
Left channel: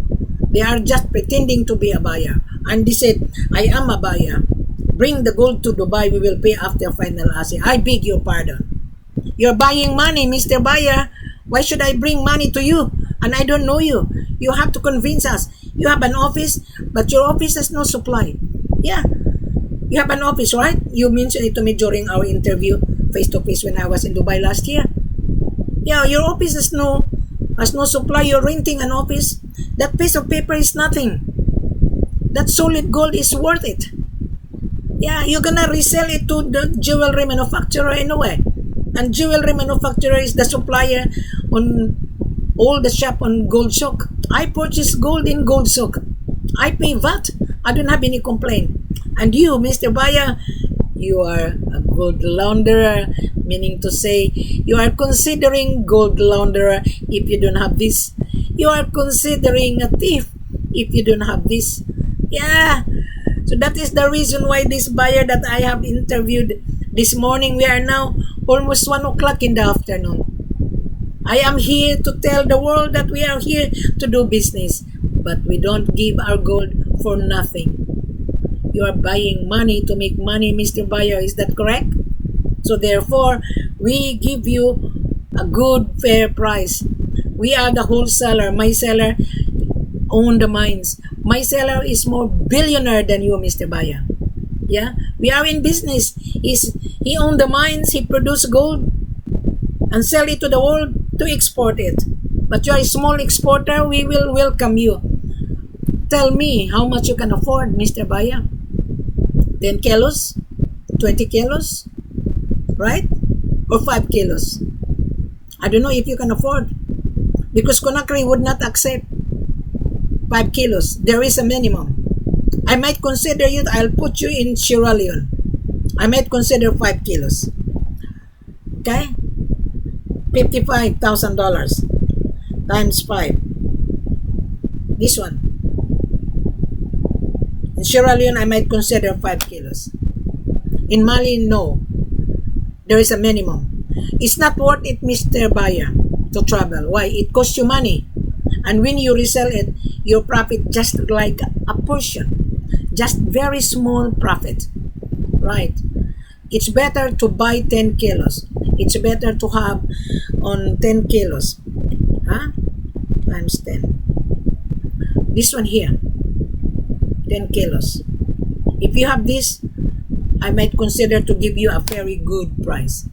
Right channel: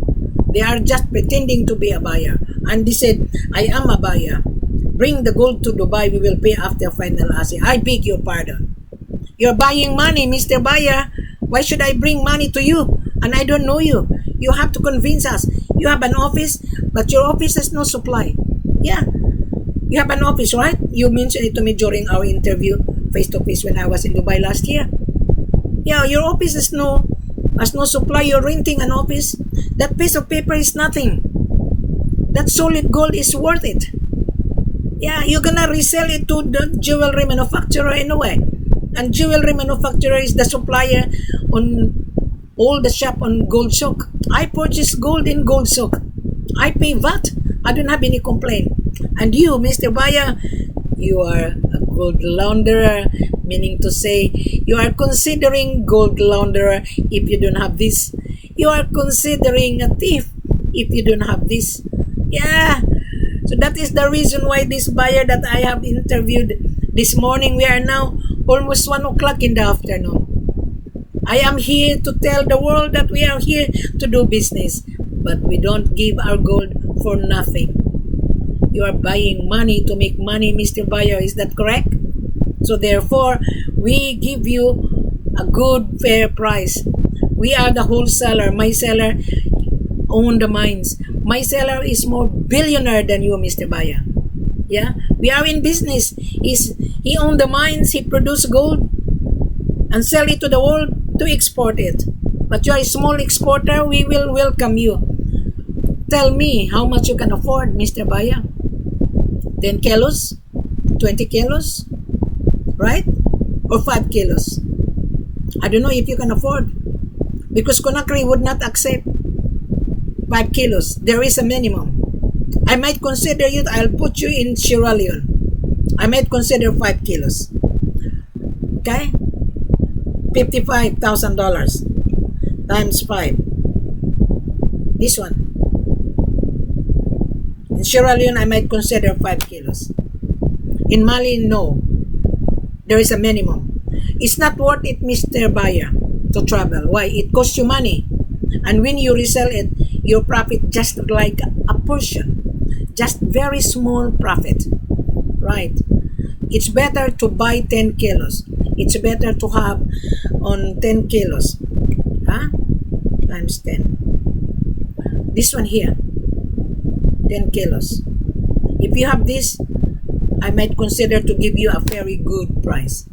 They are just pretending to be a buyer. And they said, I am a buyer. Bring the gold to Dubai, we will pay after final assay. I beg your pardon. You're buying money, Mr. Buyer. Why should I bring money to you? And I don't know you. You have to convince us. You have an office, but your office has no supply. Yeah. You have an office, right? You mentioned it to me during our interview face-to-face when I was in Dubai last year. Yeah, your office has no supply. You're renting an office. That piece of paper is nothing. That solid gold is worth it. Yeah, you're gonna resell it to the jewelry manufacturer anyway. And jewelry manufacturer is the supplier on all the shop on Gold Souk. I purchase gold in Gold Souk. I pay VAT. I don't have any complaint. And you, Mr. Buyer, you are a gold launderer, meaning to say you are considering gold launderer if you don't have this. You are considering a thief if you don't have this. Yeah. So that is the reason why this buyer that I have interviewed this morning, we are now almost 1 o'clock in the afternoon. I am here to tell the world that we are here to do business, but we don't give our gold for nothing. You are buying money to make money, Mr. Buyer. Is that correct? So therefore, we give you a good, fair price. We are the wholesaler. My seller own the mines. My seller is more billionaire than you, Mr. Buyer. Yeah, we are in business. He owned the mines. He produced gold and sell it to the world to export it. But you are a small exporter. We will welcome you. Tell me how much you can afford, Mr. Buyer. 10 kilos? 20 kilos? Right? Or 5 kilos? I don't know if you can afford. Because Conakry would not accept 5 kilos. There is a minimum. I might consider you, I'll put you in Sierra Leone. I might consider 5 kilos. Okay? $55,000 times 5. This one. In Sierra Leone, I might consider 5 kilos. In Mali, no. There is a minimum. It's not worth it, Mr. Buyer, to travel. Why? It costs you money. And when you resell it, your profit just like a portion. Just very small profit. Right? It's better to buy 10 kilos. It's better to have on 10 kilos. Huh? Times 10. This one here. 10 kilos. If you have this, I might consider to give you a very good price.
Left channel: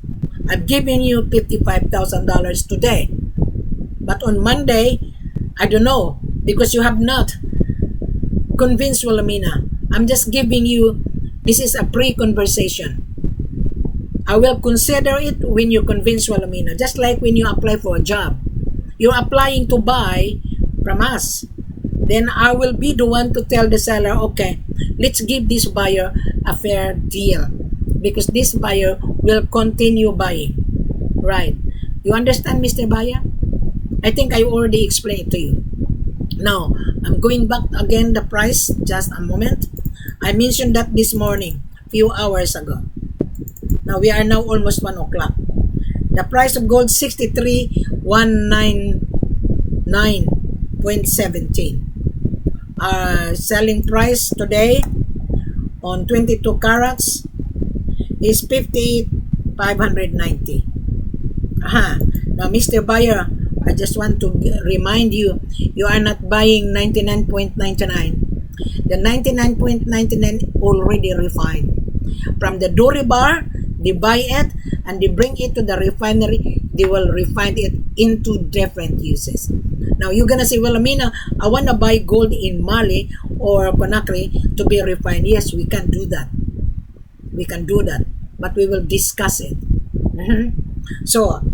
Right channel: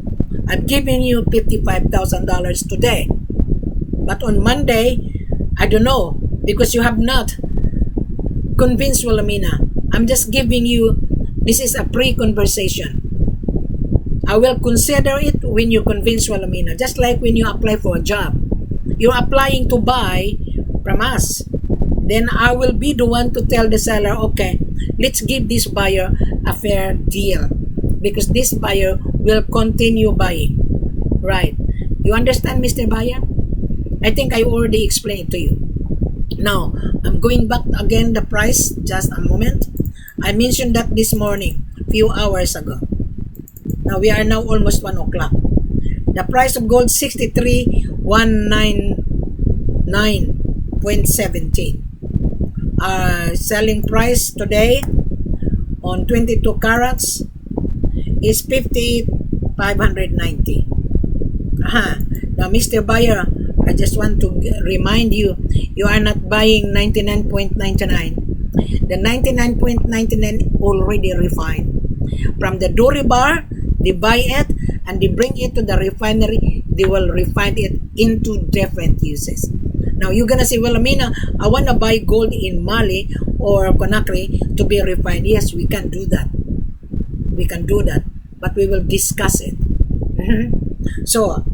I've given you $55,000 today. But on Monday, I don't know, because you have not convinced Wilhelmina. I'm just giving you, this is a pre-conversation. I will consider it when you convince Wilhelmina. Just like when you apply for a job. You're applying to buy from us. Then I will be the one to tell the seller, okay, let's give this buyer a fair deal. Because this buyer will continue buying. Right. You understand, Mr. Buyer? I think I already explained it to you. Now, I'm going back again the price, just a moment. I mentioned that this morning, few hours ago. Now, we are now almost 1 o'clock. The price of gold, 63,199.17. Our selling price today on 22 carats is 58,590. Now, Mr. Buyer, I just want to remind you, you are not buying 99.99. The 99.99 already refined. From the Dore bar, they buy it and they bring it to the refinery. They will refine it into different uses. Now, you're gonna say, well, Amina, I want to buy gold in Mali or Conakry to be refined. Yes, we can do that. We can do that. But we will discuss it. So,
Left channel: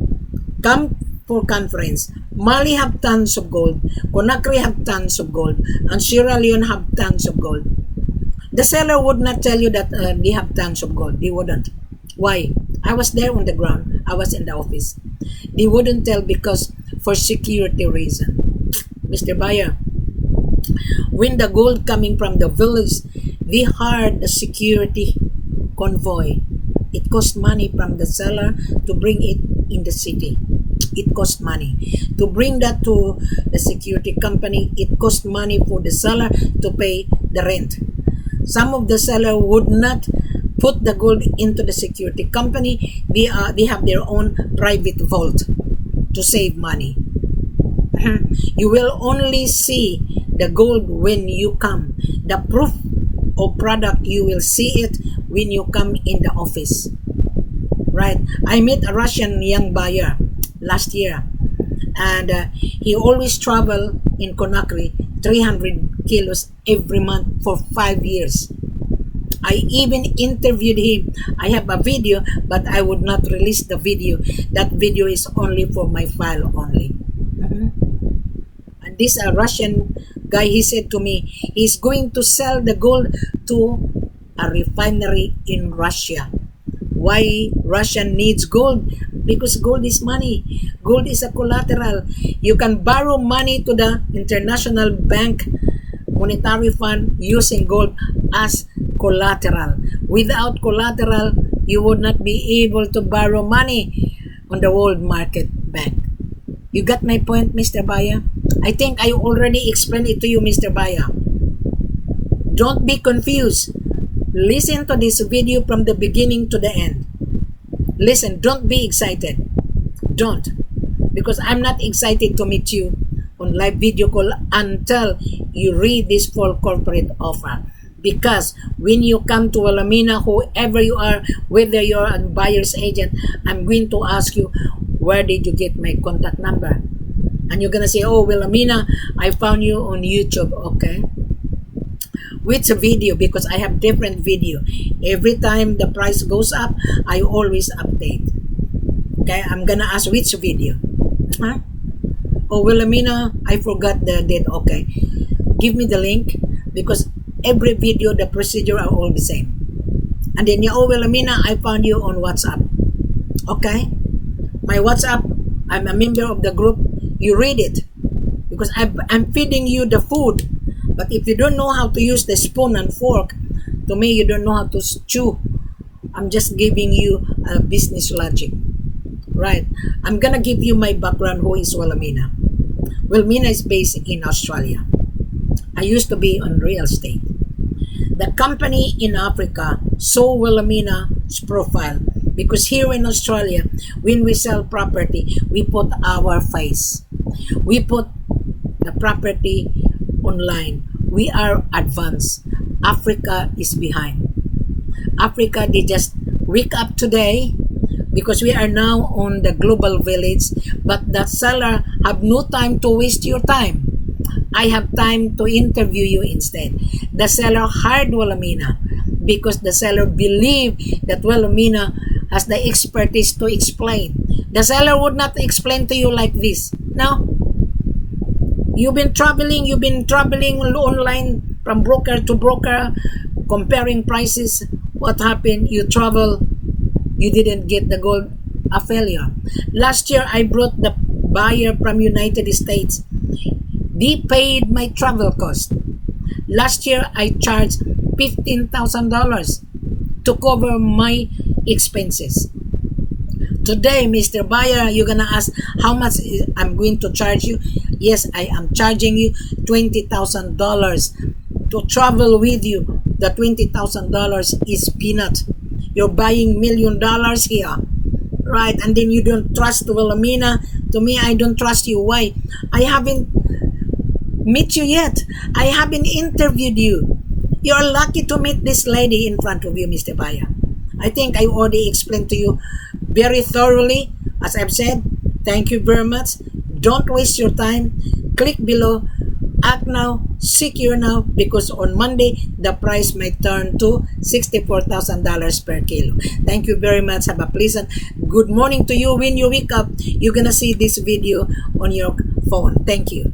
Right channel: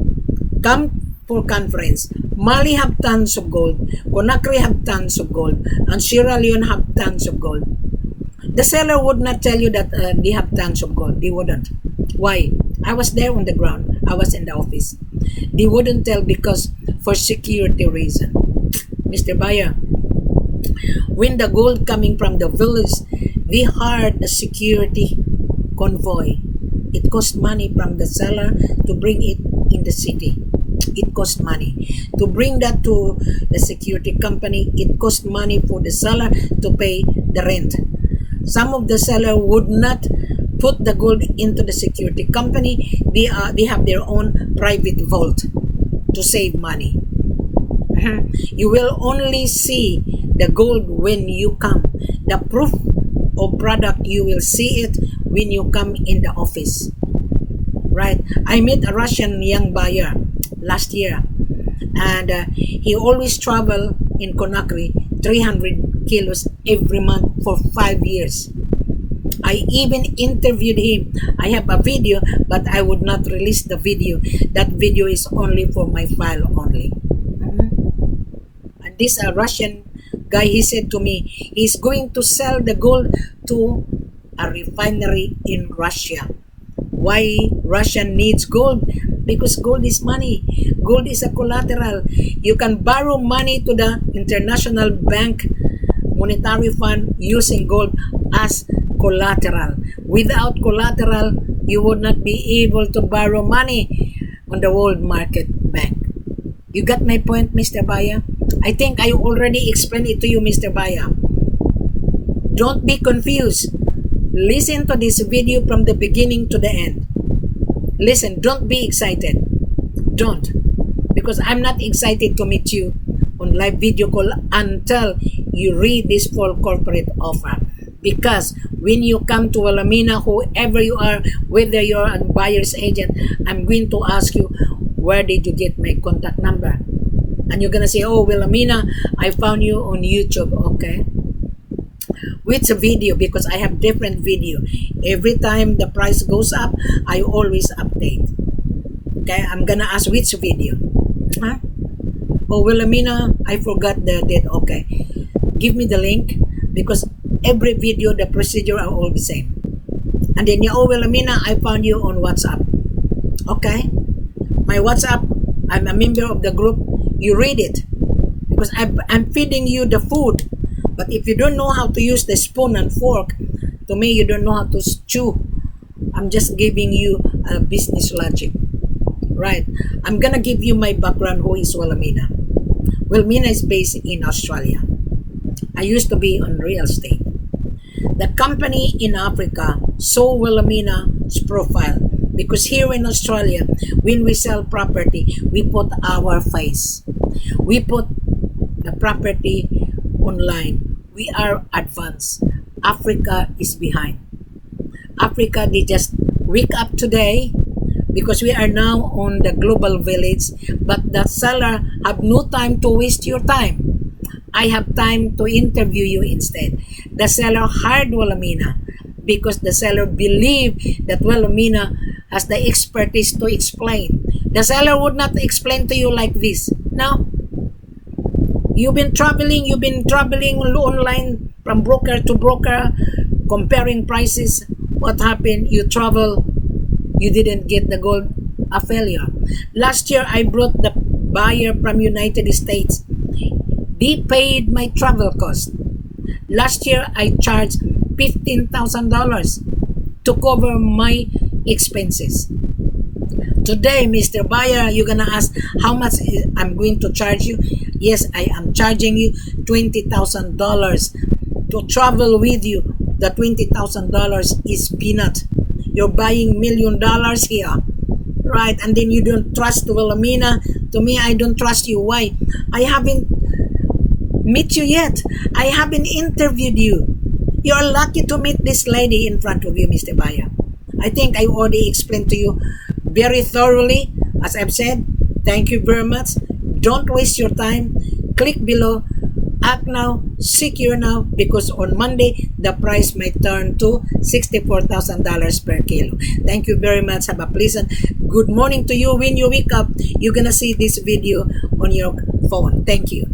come for conference. Mali have tons of gold. Conakry have tons of gold. And Sierra Leone have tons of gold. The seller would not tell you that they have tons of gold. They wouldn't. Why? I was there on the ground. I was in the office. They wouldn't tell because for security reason. Mr. Buyer, when the gold coming from the village, We hired a security convoy. It cost money from the seller to bring it in the city. It cost money. To bring that to the security company, it cost money for the seller to pay the rent. Some of the seller would not put the gold into the security company. They have their own private vault to save money. You will only see the gold when you come. The proof of product, you will see it when you come in the office. Right? I met a Russian young buyer last year, and he always travel in Conakry 300 kilos every month for 5 years. I even interviewed him. I have a video, but I would not release the video. That video is only for my file only. And this Russian guy, he said to me, he's going to sell the gold to a refinery in Russia. Why Russia needs gold? Because gold is money. Gold is a collateral. You can borrow money to the international bank monetary fund using gold as collateral. Without collateral, you would not be able to borrow money on the world market bank. You got my point, Mr. Baya? I think I already explained it to you, Mr. Baya. Don't be confused. Listen to this video from the beginning to the end. Listen, don't be excited. Don't. Because I'm not excited to meet you on live video call until you read this full corporate offer. Because when you come to Wilhelmina, whoever you are, whether you're a buyer's agent, I'm going to ask you, where did you get my contact number? And you're going to say, oh, Wilhelmina, I found you on YouTube. Okay. Which video? Because I have different video. Every time the price goes up, I always update. Okay, I'm gonna ask which video. Oh, Wilhelmina, I forgot the date. Okay, give me the link, because every video, the procedure are all the same. And then, oh, Wilhelmina, I found you on WhatsApp. Okay, my WhatsApp, I'm a member of the group. You read it, because I'm feeding you the food. But if you don't know how to use the spoon and fork, to me, you don't know how to chew. I'm just giving you a business logic. Right? I'm gonna give you my background. Who is Wilhelmina? Wilhelmina is based in Australia. I used to be on real estate. The company in Africa saw Wilhelmina's profile, because here in Australia, when we sell property, we put our face. We put the property online. We are advanced. Africa is behind. Africa, they just wake up today, because we are now on the global village, but the seller have no time to waste your time. I have time to interview you instead. The seller hired Wilhelmina because the seller believed that Wilhelmina has the expertise to explain. The seller would not explain to you like this. No. You've been traveling online from broker to broker, comparing prices. What happened? You travel, you didn't get the gold, a failure. Last year, I brought the buyer from United States. They paid my travel cost. Last year, I charged $15,000 to cover my expenses. Today, Mr. Buyer, you're gonna ask how much I'm going to charge you. Yes, I am charging you $20,000 to travel with you. The $20,000 is peanut. You're buying $1 million here, right? And then you don't trust Wilhelmina. To me, I don't trust you. Why? I haven't met you yet. I haven't interviewed you. You're lucky to meet this lady in front of you, Mr. Buyer. I think I already explained to you very thoroughly. As I've said, thank you very much. Don't waste your time. Click below. Act now. Secure now. Because on Monday, the price might turn to $64,000 per kilo. Thank you very much. Have a pleasant good morning to you. When you wake up, you're gonna see this video on your phone. Thank you.